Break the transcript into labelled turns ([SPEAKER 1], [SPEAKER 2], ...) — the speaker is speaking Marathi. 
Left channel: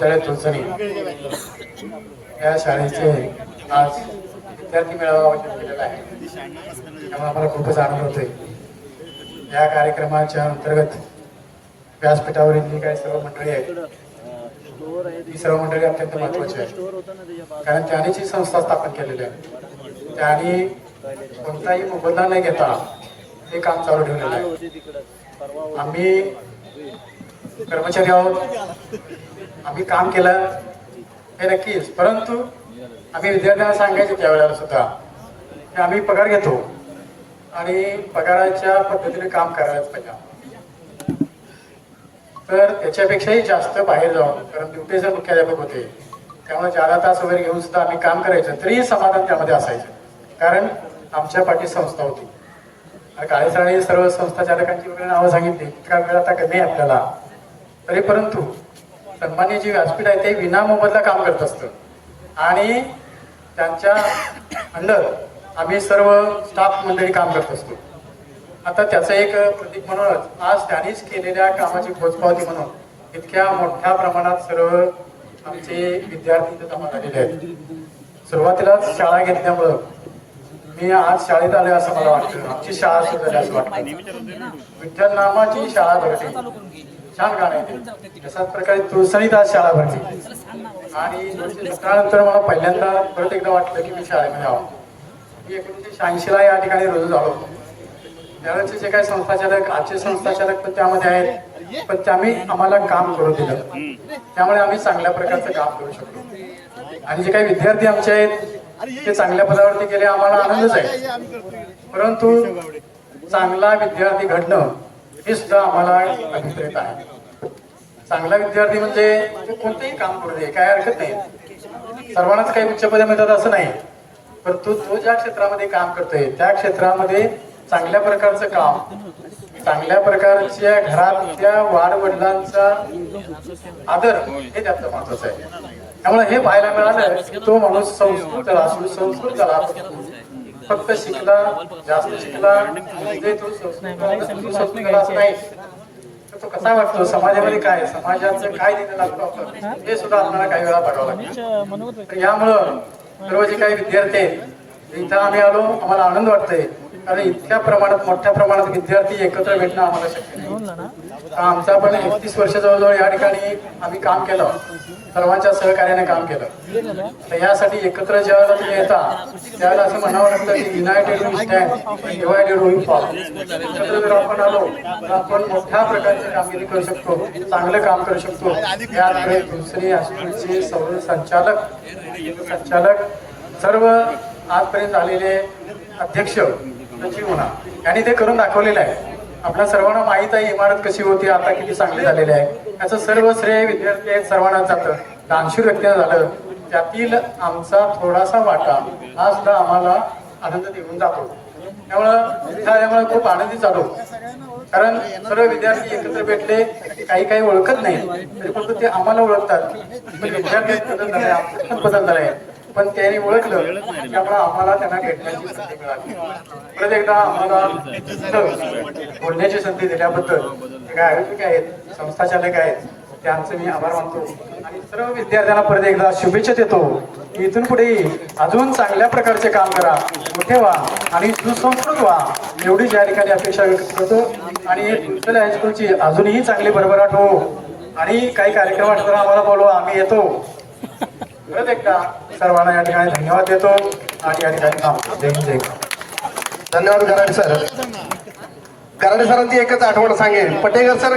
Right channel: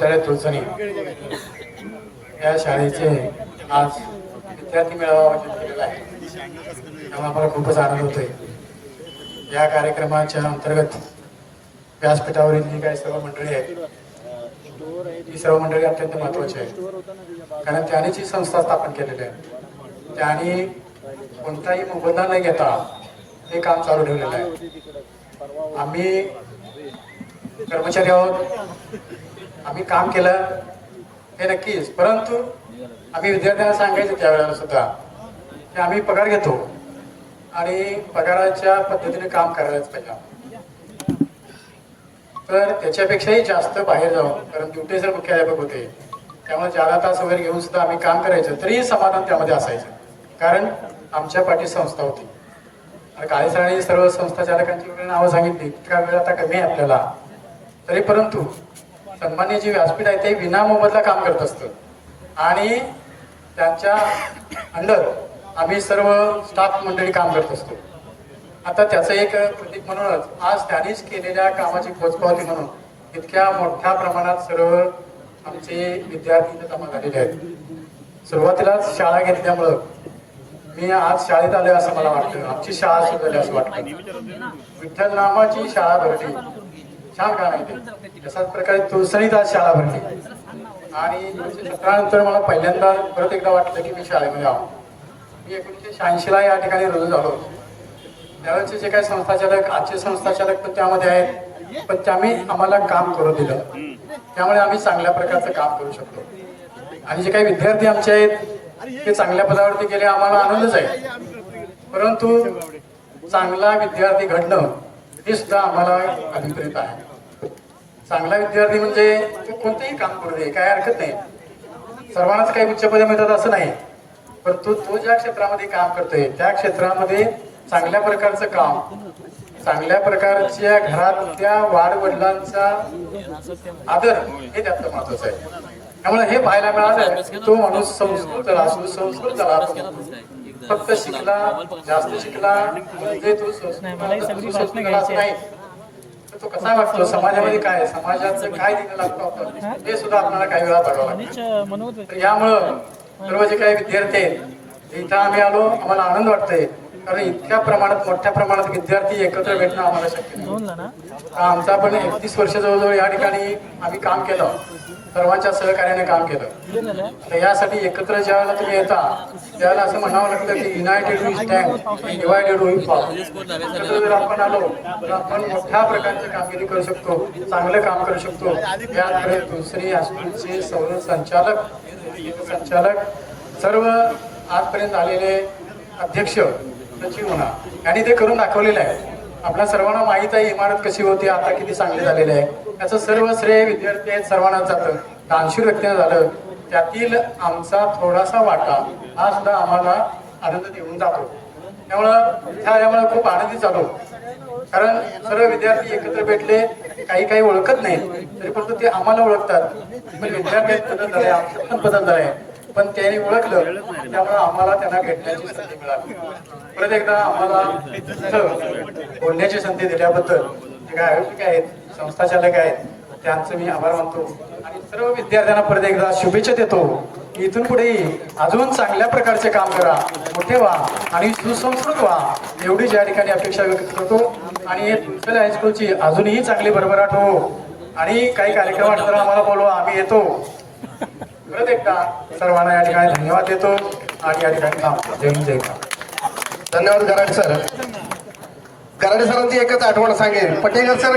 [SPEAKER 1] तळे तुलसणी या शाळेचे आज विद्यार्थी मेळावा आयोजित केलेला आहे. त्यामुळे आम्हाला खूपच आनंद होतोय. या कार्यक्रमाच्या अंतर्गत व्यासपीठावरील जी काही सर्व मंडळी आहेत ही सर्व मंडळी अत्यंत महत्वाची आहे कारण त्याने जी संस्था स्थापन केलेली आहे. त्यांनी कोणताही मोबदला न घेता हे काम चालू ठेवलेलं आहे. आम्ही कर्मचारी आहोत. आम्ही काम केलं हे नक्कीच. परंतु आम्ही विद्यार्थ्यांना सांगायचं त्यावेळेला सुद्धा आम्ही पगार घेतो आणि पगाराच्या पद्धतीने काम करायलाच पाहिजे तर त्याच्यापेक्षाही जास्त बाहेर जाऊन कारण ड्युटी सर मुख्याध्यापक होते त्यामुळे चार तास वगैरे घेऊन सुद्धा आम्ही काम करायचं तरीही समाधान त्यामध्ये असायचं. कारण आमच्या पाठी संस्था होती. आणि सर्व संस्था चालकांची वगैरे नावं सांगितली इतका वेळ आता कमी आहे आपल्याला. तरी परंतु सन्मान्य जी व्यासपीठ आहे ते विना मोबदला काम करत असतं. आणि त्यांच्या अंडर आम्ही सर्व स्टाफ मंडळी काम करत असतो. आता त्याचं एक प्रतीक म्हणूनच आज त्यांनीच केलेल्या कामाची पोचपावती म्हणून इतक्या मोठ्या प्रमाणात सर्व आमचे विद्यार्थी जमा झालेले आहेत. सुरुवातीलाच शाळा घेतल्यामुळं मी आज शाळेत आले असं मला वाटतं. आमची शाळा सुरू असं वाटतं. विठ्ठल नामाची शाळा भरली. छान गाणं आहे तशाच प्रकारे तुळसणीत आज शाळा भरली. आणि त्यानंतर मला पहिल्यांदा परत एकदा वाटलं की मी शाळेमध्ये आहो मी एकोणीसशे शहाऐंशीला या ठिकाणी रुजू झालो. त्यावेळेचे जे काही संस्थाचालक आजचे संस्थाचालक तर त्यामध्ये आहेत. पण त्यांनी आम्हाला काम करू दिलं. त्यामुळे आम्ही चांगल्या प्रकारचं काम करू शकतो आणि जे काही विद्यार्थी आमचे आहेत ते चांगल्या पदावरती गेले आम्हाला आनंदच आहे. परंतु चांगला विद्यार्थी घडणं हे सुद्धा आम्हाला अभिप्रेत आहे. चांगला विद्यार्थी म्हणजे तो कोणतंही काम करू दे काय हरकत नाही. सर्वांनाच काही उच्च पदे मिळतात असं नाही. परंतु तो ज्या क्षेत्रामध्ये काम करतोय त्या क्षेत्रामध्ये चांगल्या प्रकारचं काम चांगल्या प्रकारच्या घरातल्या वाडवडिलांचा आदर हे त्यातलं महत्वाचं आहे. त्यामुळे हे पाहायला मिळालं की तो माणूस संस्कृत झाला फक्त शिकला जास्त शिकला. तो कसा वाटतो? समाजामध्ये काय? समाजाचं काय दिलं लागतो आपण? हे? सुद्धा आपल्याला काही वेळा बघावं यामुळं सर्व जे काही विद्यार्थी आहेत इथं आम्ही आलो. आम्हाला आनंद वाटतोय. कारण इतक्या प्रमाणात मोठ्या प्रमाणात विद्यार्थी एकत्र भेटणं
[SPEAKER 2] नोंदला ना
[SPEAKER 1] आमचा पण एकतीस वर्ष जवळजवळ या ठिकाणी आम्ही काम केलं. सर्वांच्या सहकार्याने काम केलं. तर यासाठी एकत्र ज्या वेळेला तुम्ही येता त्यावेळेला असं म्हणावं लागतं की युनायटेड वी स्टँड डिवायडेड एकत्र जर आपण आलो तर आपण मोठ्या प्रकारची कामगिरी करू शकतो चांगलं काम करू शकतो. याकडे दुसरी हायस्कूलचे सर्व संचालक संचालक सर्व आजपर्यंत आलेले अध्यक्ष त्याची म्हणा यांनी ते करून दाखवलेलं आहे. आपल्या सर्वांना माहीत आहे इमारत कशी होती आता किती चांगली झालेली आहे. याचं सर्व श्रेय विद्यार्थी आहेत सर्वांना जातं. दानशूर व्यक्तीनं झालं. त्यातील आमचा थोडासा वाटा हा सुद्धा आम्हाला आनंद देऊन जातो. त्यामुळं हा यामुळे खूप आनंदी चालू कारण सर्व विद्यार्थी एकत्र भेटले काही काही ओळखत नाही. तरी फक्त ते आम्हाला ओळखतात. विद्यार्थी बदल झाले पण त्यांनी ओळखलं. त्यामुळे आम्हाला त्यांना भेटण्याची संधी मिळाली. परत एकदा आम्हाला बोलण्याची संधी दिल्याबद्दल काय आयोजक आहेत संस्थाचालक आहेत त्यांचं मी आभार मानतो. आणि सर्व विद्यार्थ्यांना परत एकदा शुभेच्छा देतो की इथून पुढे अजून चांगल्या प्रकारचे काम करा मोठे व्हा आणि सुसंस्कृत व्हा. एवढीच या ठिकाणी अपेक्षा व्यक्त करतो. आणि हायस्कूलची अजूनही चांगली भरभराट हो. आणि काही कार्यक्रम आम्हाला बोलवा. आम्ही येतो. परत सर्वांना या ठिकाणी धन्यवाद देतो. आणि या ठिकाणी थांबतो जय हिंद, जय
[SPEAKER 3] धन्यवाद कराड सर. कराडे सरांची एकच आठवण सांगेन. पटेकर सर